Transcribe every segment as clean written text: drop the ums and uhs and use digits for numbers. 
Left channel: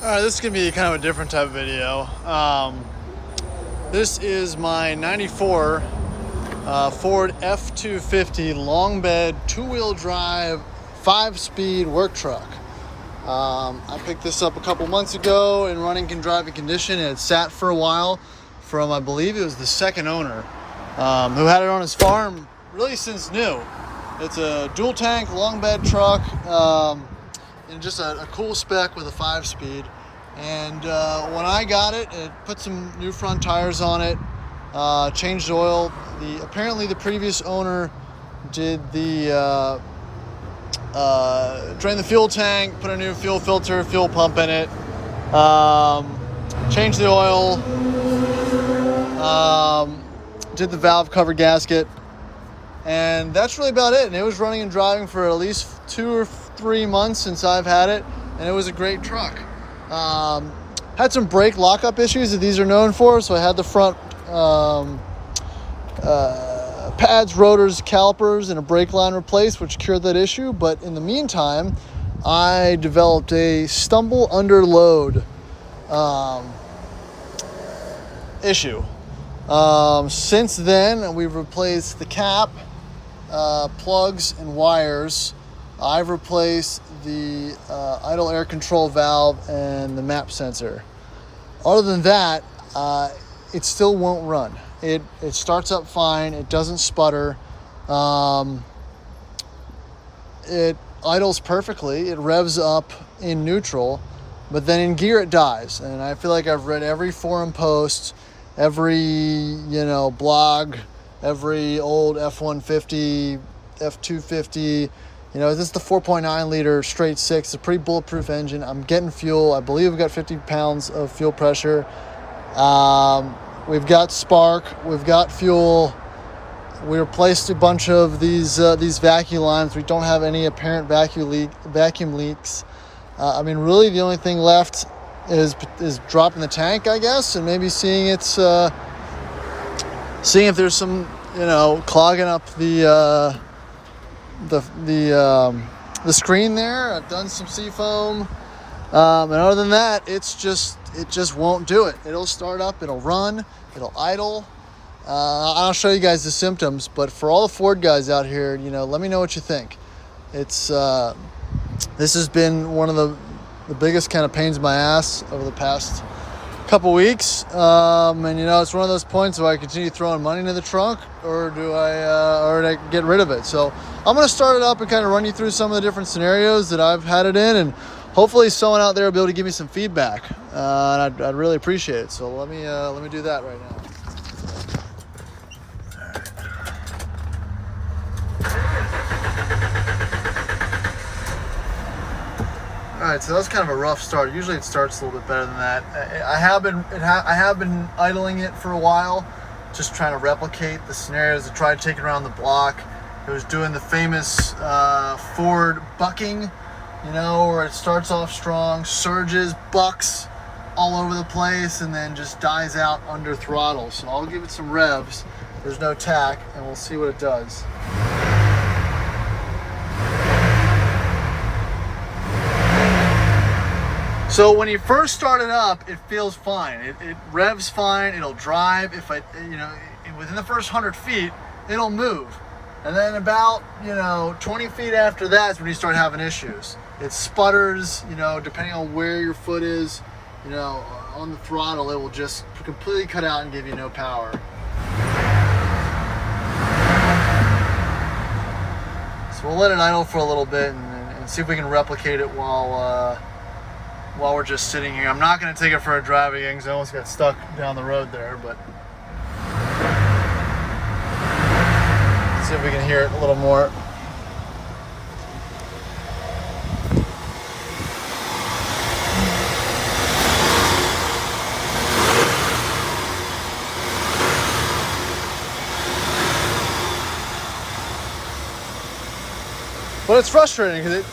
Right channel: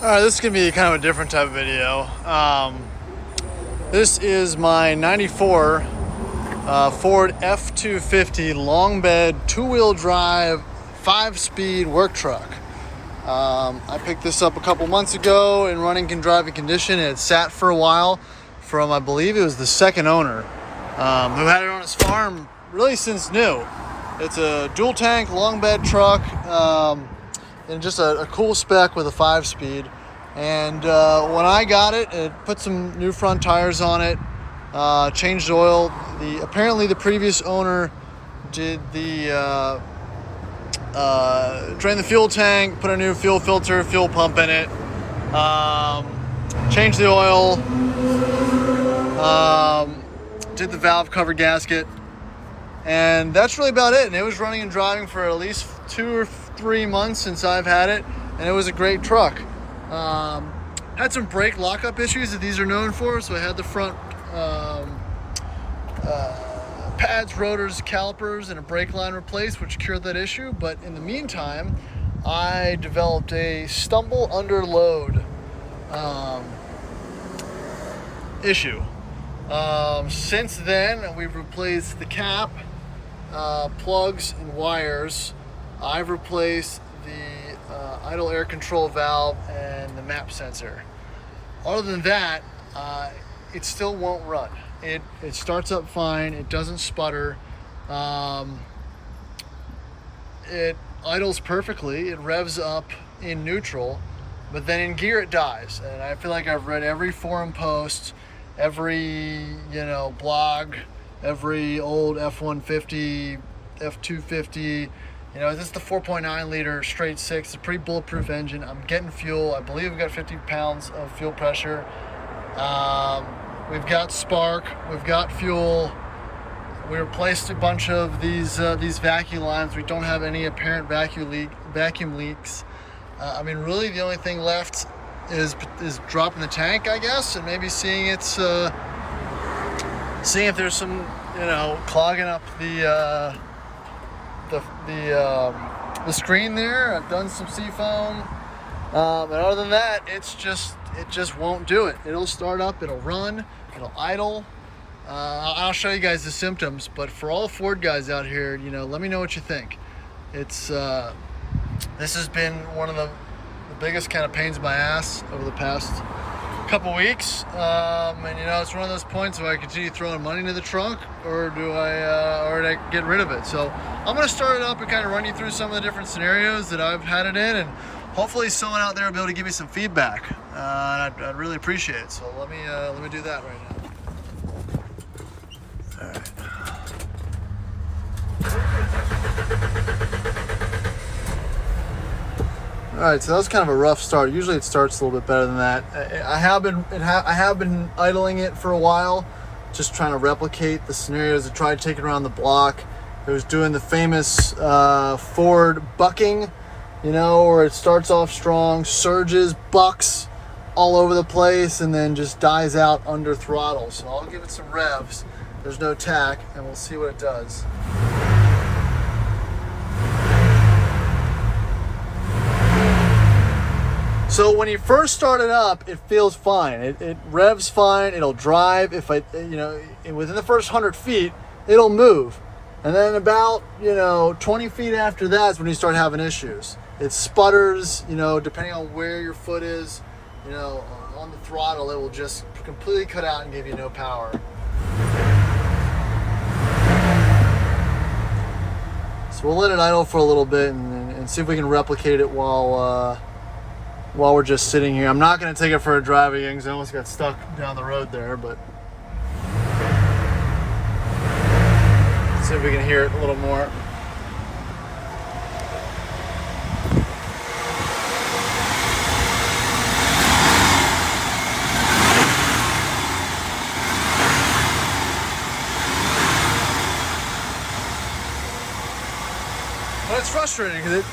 Alright, this is going to be kind of a different type of video. This is my 94 Ford F-250 long bed, two-wheel drive, 5-speed work truck. I picked this up a couple months ago in running and driving condition. It had sat for a while from, I believe it was the second owner, who had it on his farm really since new. It's a dual tank, long bed truck, and just a cool spec with a 5-speed. And when I got it, it put some new front tires on it, changed oil. Apparently the previous owner did the drain the fuel tank, put a new fuel filter, fuel pump in it, changed the oil, did the valve cover gasket, and that's really about it. And it was running and driving for at least 2 or 3 months since I've had it, and it was a great truck. Had some brake lockup issues that these are known for, so I had the front pads, rotors, calipers, and a brake line replaced, which cured that issue. But in the meantime, I developed a stumble under load issue. Since then, we've replaced the cap, plugs, and wires. I've replaced the idle air control valve and the map sensor. Other than that, it still won't run. It starts up fine. It doesn't sputter. It idles perfectly. It revs up in neutral, but then in gear it dies. And I feel like I've read every forum post, every blog, every old F-150, F-250. This is the 4.9 liter straight six. It's a pretty bulletproof engine. I'm getting fuel. I believe we've got 50 pounds of fuel pressure. We've got spark. We've got fuel. We replaced a bunch of these vacuum lines. We don't have any apparent vacuum leaks. Really the only thing left is dropping the tank, I guess, and maybe seeing if there's some clogging up the screen there. I've done some seafoam, and other than that, it just won't do it. It'll start up, it'll run, it'll idle. I'll show you guys the symptoms, but for all the Ford guys out here, let me know what you think. This has been one of the biggest kind of pains in my ass over the past couple weeks, and it's one of those points where I continue throwing money into the trunk, or do I get rid of it? So I'm going to start it up and kind of run you through some of the different scenarios that I've had it in, and hopefully someone out there will be able to give me some feedback, and I'd really appreciate it. So let me do that right now. All right, so that was kind of a rough start. Usually it starts a little bit better than that. I have been idling it for a while, just trying to replicate the scenarios. I tried taking it around the block. It was doing the famous Ford bucking, where it starts off strong, surges, bucks all over the place, and then just dies out under throttle. So I'll give it some revs. There's no tack, and we'll see what it does. So when you first start it up, it feels fine. It revs fine. It'll drive. Within the first 100 feet, it'll move. And then about 20 feet after that is when you start having issues. It sputters. Depending on where your foot is, on the throttle, it will just completely cut out and give you no power. So we'll let it idle for a little bit and see if we can replicate it while we're just sitting here. I'm not going to take it for a drive again because I almost got stuck down the road there, but let's see if we can hear it a little more. But it's frustrating because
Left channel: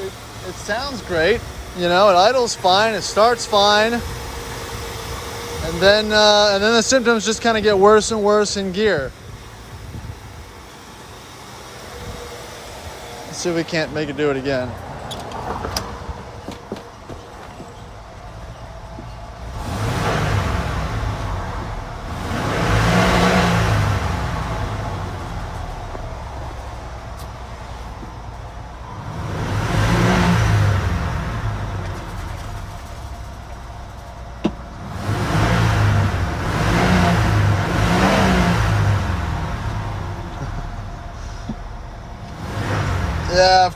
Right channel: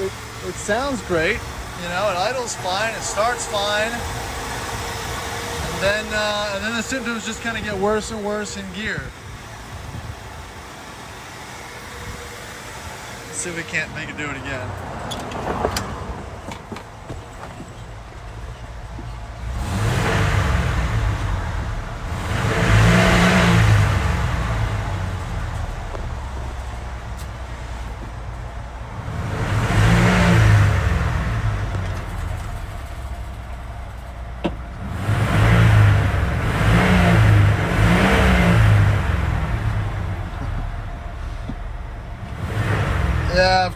it sounds great. It idles fine, it starts fine, and then the symptoms just kind of get worse and worse in gear. Let's see if we can't make it do it again.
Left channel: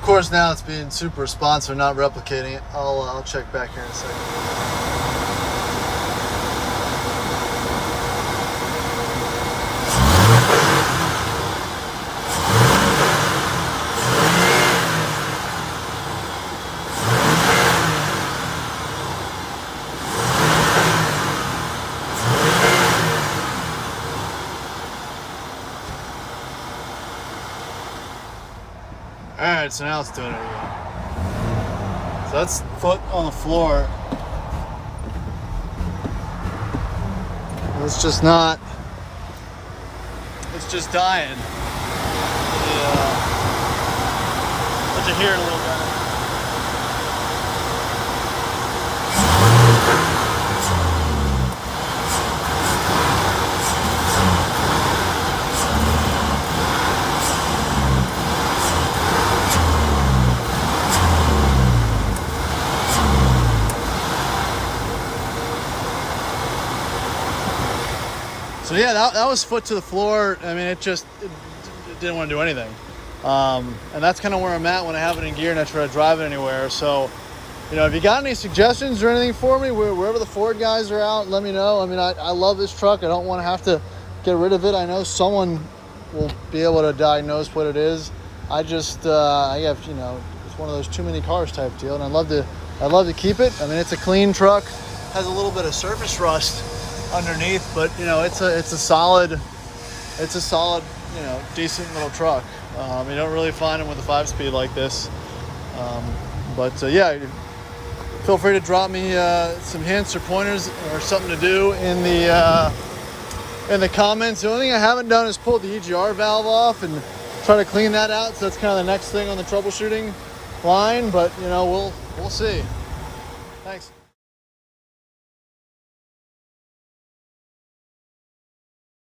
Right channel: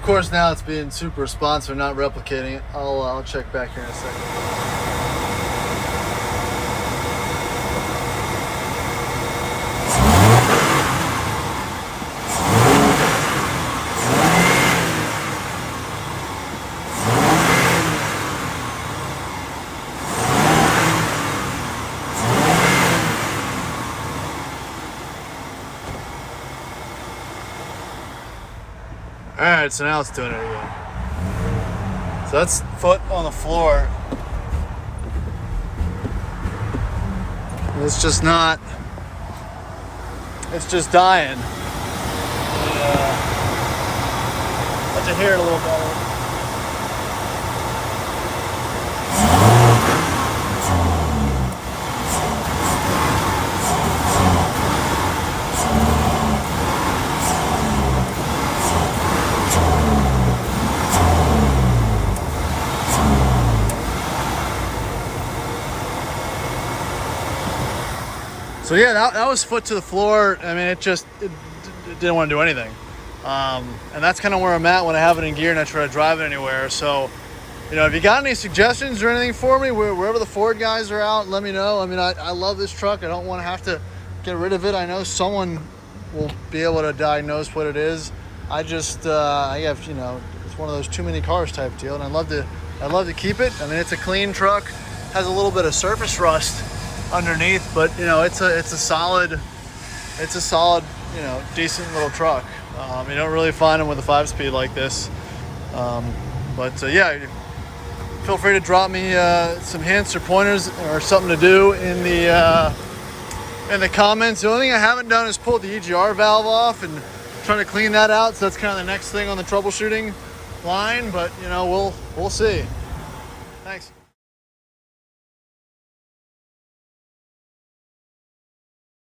course, now it's being super responsive, not replicating it. I'll check back here in a second. All right, so now it's doing it again. So that's foot on the floor. It's just not, it's just dying. Let you hear it a little better. So yeah, that was foot to the floor. I mean, it didn't want to do anything. And that's kind of where I'm at when I have it in gear and I try to drive it anywhere. So, you know, if you got any suggestions or anything for me, wherever the Ford guys are out, let me know. I mean, I love this truck. I don't want to have to get rid of it. I know someone will be able to diagnose what it is. I have, you know, it's one of those too many cars type deal, and I'd love to keep it. I mean, it's a clean truck, has a little bit of surface rust underneath, but you know, it's a solid, you know, decent little truck. You don't really find them with a 5-speed like this. Yeah, feel free to drop me some hints or pointers or something to do in the comments. The only thing I haven't done is pull the EGR valve off and try to clean that out. So that's kind of the next thing on the troubleshooting line. But you know, we'll see. Thanks.